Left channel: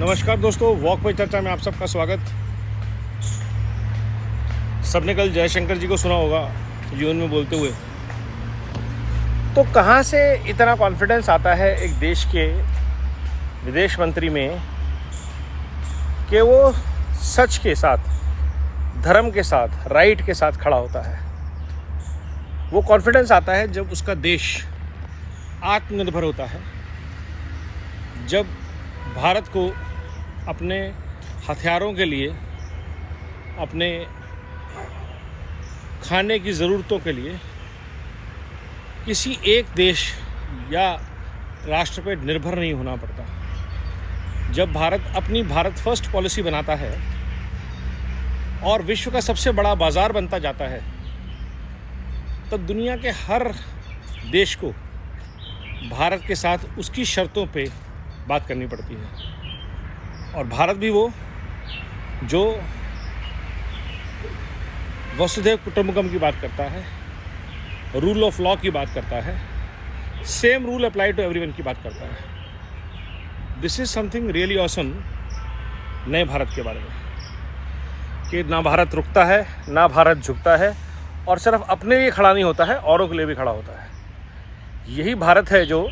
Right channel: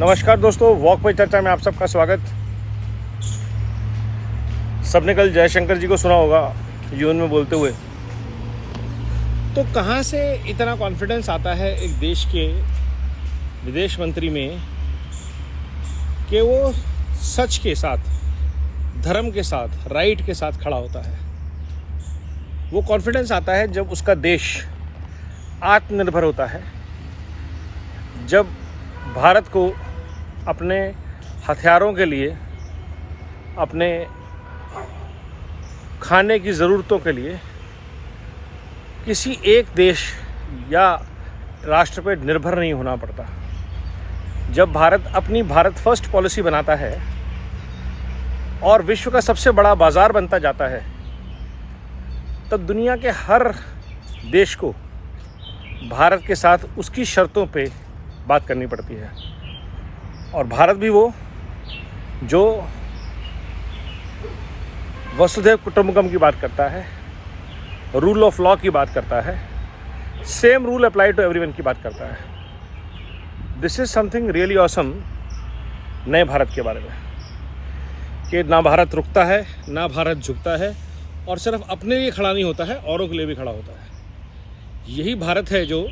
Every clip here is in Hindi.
नमस्कार दोस्तों, वॉक पे चर्चा में आप सबका स्वागत। सबने कल जयशंकर जी को सुना होगा यूएन में बोलते हुए। तो कहाँ से इतना कॉन्फिडेंस आता है एक देश के विदेश मंत्री में कि वो सच के साथ, धर्म के साथ, राइट के साथ खड़ा होता है। वो कॉन्फिडेंस आता है जब उसका देश आत्मनिर्भर होता है, जब भारत को अपने हथियारों के लिए, अपने खाने की ज़रूरतों के लिए किसी एक देश या राष्ट्र पर निर्भर नहीं होना पड़ता। जब भारत अपनी भारत फर्स्ट पॉलिसी बनाता है और विश्व का सबसे बड़ा बाज़ार बनता जाता है, तब दुनिया के हर देश को भारत के साथ उसकी शर्तों पे बात करनी पड़ती है। और भारत भी वो जो वसुधैव कुटुंबकम की बात करता है, रूल ऑफ लॉ की बात करता है, same rule apply to everyone की बात करता है। This is something really awesome नए भारत के बारे में, कि ना भारत रुकता है, ना भारत झुकता है, और सिर्फ अपने लिए खड़ा नहीं होता है, औरों के लिए भी खड़ा होता है। यही भारत है जो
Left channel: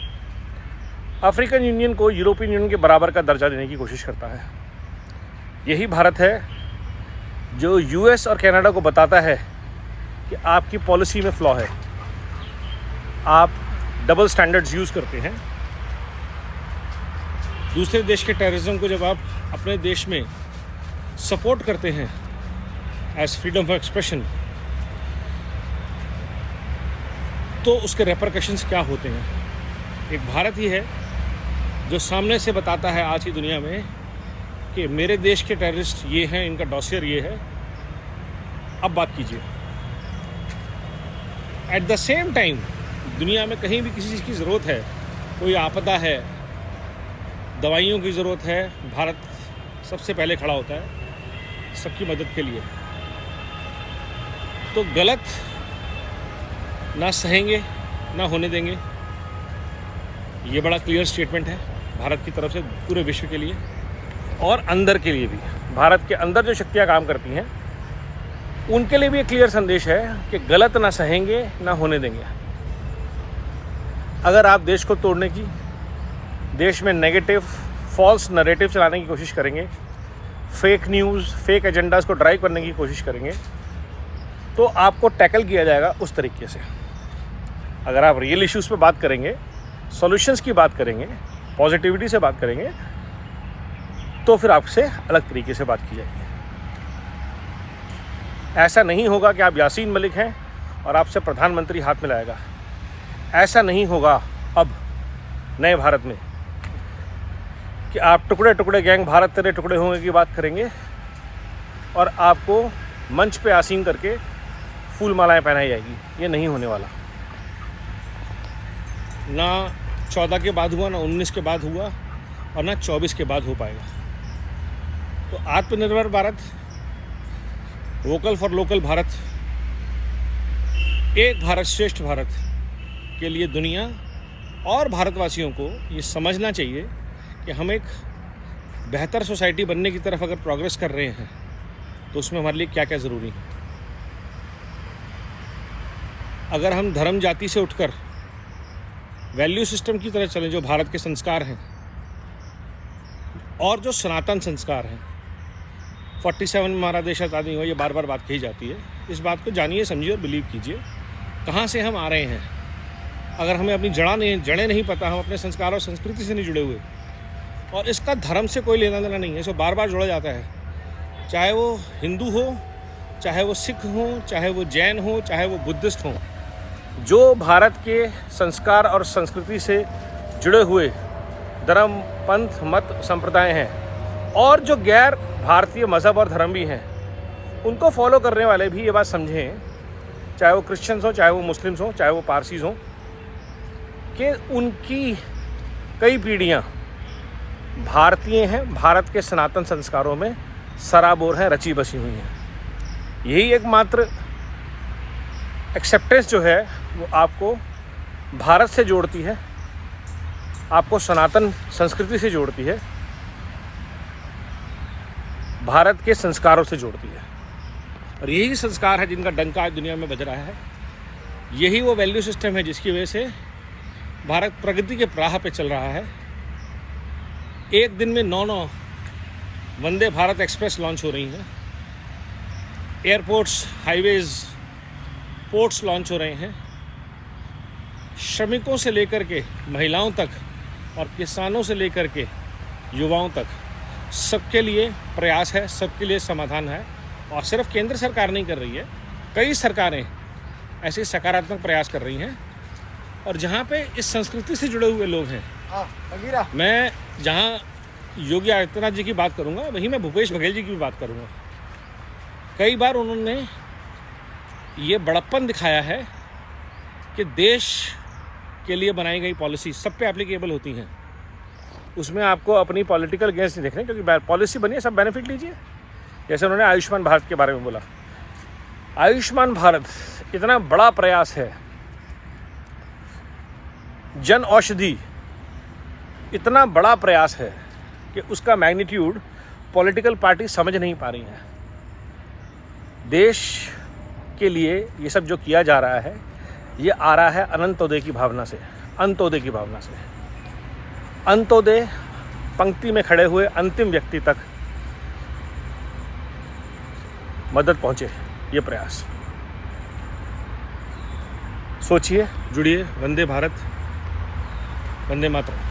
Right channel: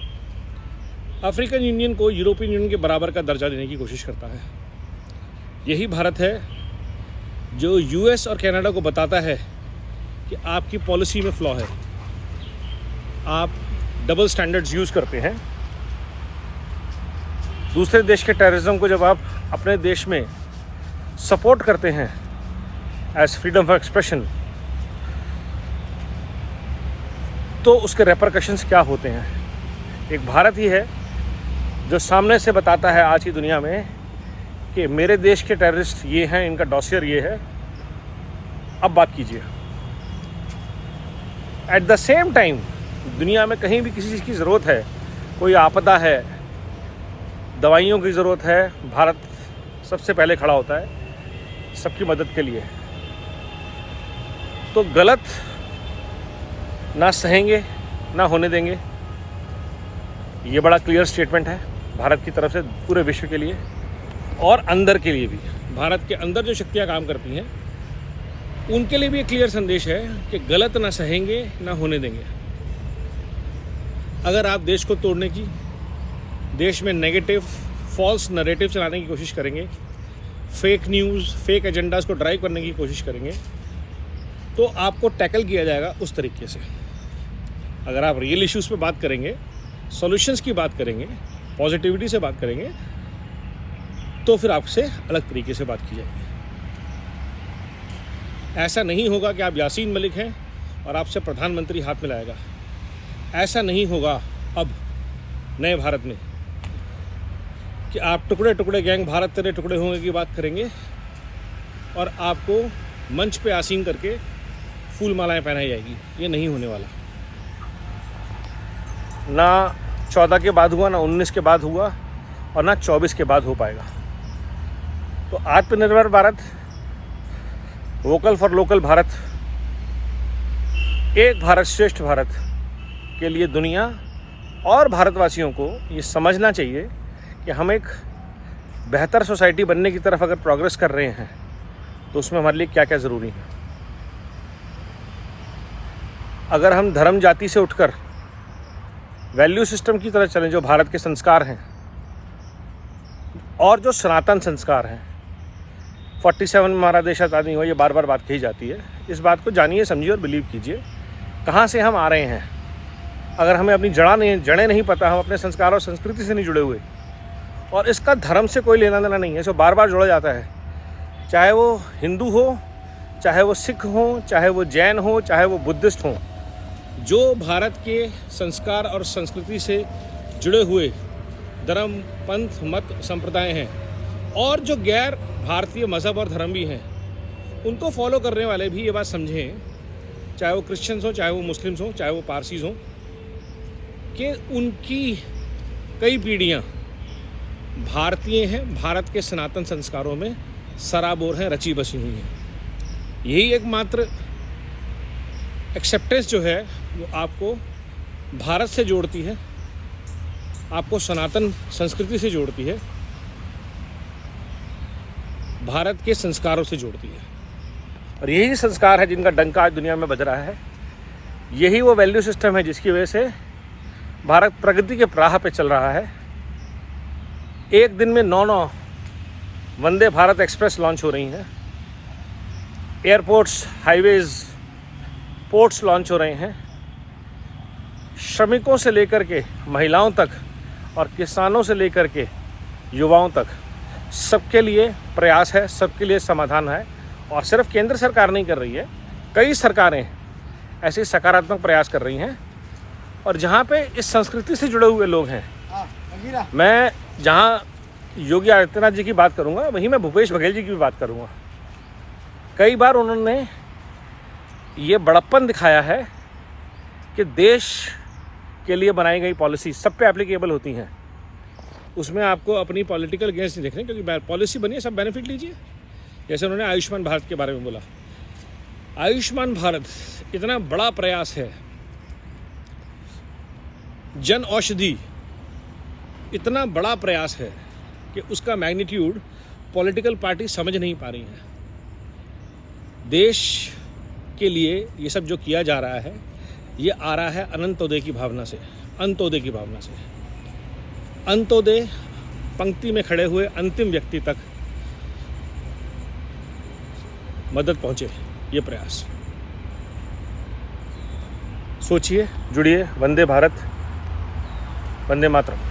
अफ्रीकन यूनियन को यूरोपियन यूनियन के बराबर का दर्जा देने की कोशिश करता है। यही भारत है जो यूएस और कनाडा को बताता है कि आपकी पॉलिसी में फ्लॉ है, आप डबल स्टैंडर्ड्स यूज़ करते हैं। दूसरे देश के टेररिज्म को जब आप अपने देश में सपोर्ट करते हैं एज फ्रीडम ऑफ एक्सप्रेशन, तो उसके रेपरकशंस क्या होते हैं। एक भारत ही है जो सामने से बताता है आज की दुनिया में कि मेरे देश के टेररिस्ट ये हैं, इनका डॉसियर ये है, अब बात कीजिए। एट द सेम टाइम दुनिया में कहीं भी किसी चीज़ की ज़रूरत है, कोई आपदा है, दवाइयों की ज़रूरत है, भारत सबसे पहले खड़ा होता है सबकी मदद के लिए। तो गलत ना सहेंगे, ना होने देंगे। ये बड़ा क्लियर स्टेटमेंट है भारत की तरफ से पूरे विश्व के लिए और अंदर के लिए भी। भारत के अंदर जो शक्तियाँ काम करती हैं उनके लिए भी एक क्लियर संदेश है कि गलत ना सहेंगे, ना होने देंगे। अगर आप देश को तोड़ने की, देश में नेगेटिव फॉल्स नैरेटिव चलाने की कोशिश करेंगे, फेक न्यूज़, फेक एजेंडाज को ड्राइव करने की कोशिश करेंगे, तो आपको टैकल किया जाएगा उस तरीके से। अगर आप रियल इश्यूज़ पे बात करेंगे, सॉल्यूशंस की बात करेंगे, पॉजिटिविटी से बात करेंगे, तो फिर आपसे अलग तरीके से बात की जाएगी। ऐसा नहीं होगा कि आप यासीन मलिक हैं और आपसे प्रधानमंत्री हाथ में लाएगा। ऐसा नहीं होगा अब नए भारत में कि आप टुकड़े टुकड़े गैंग भारत तेरे टुकड़े होंगे की बात करेंगे और आपको मंच पे आसीन करके फूल मालाएं पहनाई जाएगी। ये नहीं होने वाला। ना 14 के बाद हुआ, ना 19 के बाद हुआ, और ना 24 के बाद हो पाएगा। तो आत्मनिर्भर Bharat, vocal for local Bharat, एक भारत श्रेष्ठ भारत के लिए दुनिया और भारतवासियों को ये समझना चाहिए कि हम एक बेहतर सोसाइटी बनने की तरफ अगर प्रोग्रेस कर रहे हैं तो उसमें हमारे लिए क्या क्या ज़रूरी है। अगर हम धर्म जाति से उठकर वैल्यू सिस्टम की तरह चलें, जो भारत के संस्कार हैं और जो सनातन संस्कार हैं। 47 में हमारा देश आज़ाद नहीं हुआ, ये बार बार बात कही जाती है। इस बात को जानिए, समझिए और बिलीव कीजिए। कहाँ से हम आ रहे हैं, अगर हमें अपनी जड़ें नहीं पता, हम अपने संस्कार और संस्कृति से नहीं जुड़े हुए, और इसका धर्म से कोई लेना देना नहीं है, इसको बार बार जोड़ा जाता है। चाहे वो हिंदू हो, चाहे वो सिख हो, चाहे वो जैन हो, चाहे वो बुद्धिस्ट हो, जो भारत के संस्कार और संस्कृति से जुड़े हुए धर्म, पंथ, मत, संप्रदाय हैं, और जो गैर भारतीय मज़हब और धर्म भी हैं, उनको फॉलो करने वाले भी ये बात समझें, चाहे वो क्रिश्चियंस हो, चाहे वो मुस्लिम्स हो, चाहे वो पारसीज हों, कि उनकी कई पीढ़ियाँ भारतीय हैं, भारत के सनातन संस्कारों में सराबोर हैं, रची बसी हुई हैं। यही एकमात्र एक्सेप्टेंस जो है वो आपको भारत से जोड़ती है, आपको सनातन संस्कृति से जोड़ती है, भारत के संस्कारों से जोड़ती है। और यही संस्कार है जिनका डंका आज दुनिया में बज रहा है। यही वो वैल्यू सिस्टम है जिसकी वजह से भारत प्रगति के राह पे चल रहा है। एक दिन में 9 वंदे भारत एक्सप्रेस लॉन्च हो रही हैं। एयरपोर्ट्स, हाईवेज, पोर्ट्स लॉन्च हो रहे हैं। श्रमिकों से लेकर के महिलाओं तक और किसानों से लेकर के युवाओं तक सबके लिए प्रयास है, सबके लिए समाधान है। और सिर्फ केंद्र सरकार नहीं कर रही है, कई सरकारें ऐसे सकारात्मक प्रयास कर रही हैं। और जहाँ पे इस संस्कृति से जुड़े हुए लोग हैं, मैं जहाँ योगी आदित्यनाथ जी की बात करूँगा वहीं मैं भूपेश बघेल जी की भी बात करूँगा। कई बार उन्होंने ये बड़प्पन दिखाया है कि देश के लिए बनाई गई पॉलिसी सब पे एप्लीकेबल होती हैं, उसमें आपको अपनी पॉलिटिकल गेंस नहीं देखने, क्योंकि पॉलिसी बनी है, सब बेनिफिट लीजिए। जैसे उन्होंने आयुष्मान भारत के बारे में बोला, आयुष्मान भारत इतना बड़ा प्रयास है, जन औषधि इतना बड़ा प्रयास है कि उसका मैग्नीट्यूड पॉलिटिकल पार्टी समझ नहीं पा रही हैं। देश के लिए ये सब जो किया जा रहा है, ये आ रहा है अनंतोदय की भावना से, अंत्योदय की भावना से। अंत्योदय पंक्ति में खड़े हुए अंतिम व्यक्ति तक मदद पहुंचे, ये प्रयास। सोचिए, जुड़िए। वंदे भारत, वंदे मातरम।